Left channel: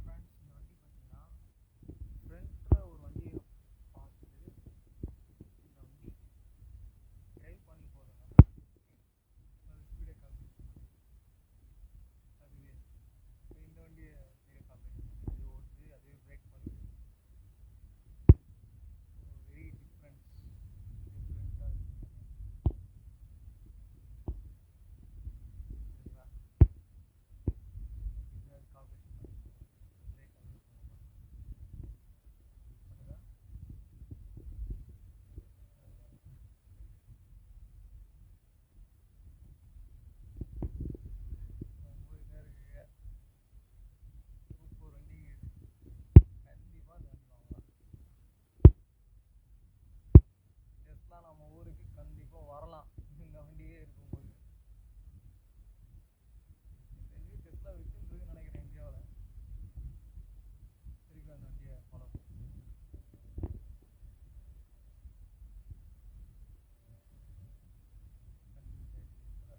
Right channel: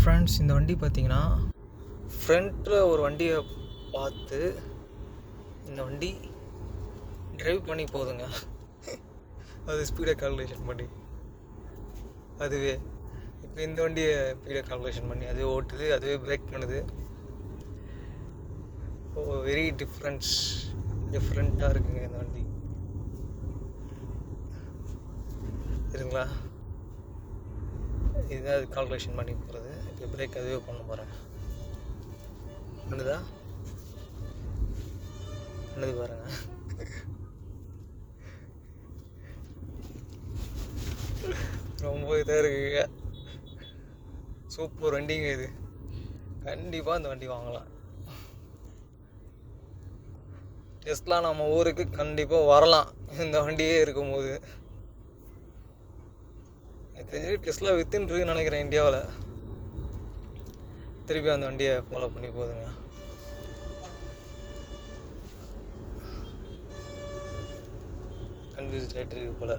Hi friends, இந்த வண்டி பார்த்தீங்கன்னா ஃப்ரண்ட்டில் ஒரு வண்டியை பார்த்து இந்த வண்டி ட்ரைவ் பண்ணி போகுதுங்க. அது ஸ்பீடை கால்குலேஷன் பண்ணி அதுவே இப்போ இந்த வண்டியை ஸ்பீடை கால்குலேஷன் பண்ணி அதுவே ஓட்டுது, அதுவே பிரேக் பண்ணுது. வெரி டிஃப்ரெண்ட்டாக இருக்குங்க இந்த வண்டி. சரிங்களா, இதுதான் அது கால்குலேஷன் பண்ணி போகிறது. இப்போ பிரேக் அதுவே பண்ண போகிறேன். பண்ணுது பாருங்க. ரொம்ப இதாக இருக்குங்க. சூப்பர் வண்டிங்க இது. கண்டிப்பாக இந்த வண்டி வாங்கலாம். டெஸ்லா நம்ம ஊருக்கு கண்டிப்பாக வரலாம் இந்த வண்டியே இருக்கும்போது. தெரிஞ்சு டெஸ்லா வித்துன்னு நினைக்கிறேன் இந்தியாவில். திருப்பி அந்த வண்டியை ஃபாலோ பண்ணி போகுதுங்க. கன்ஃபியூஸ் ஆகிட்டு இருக்கு போல்.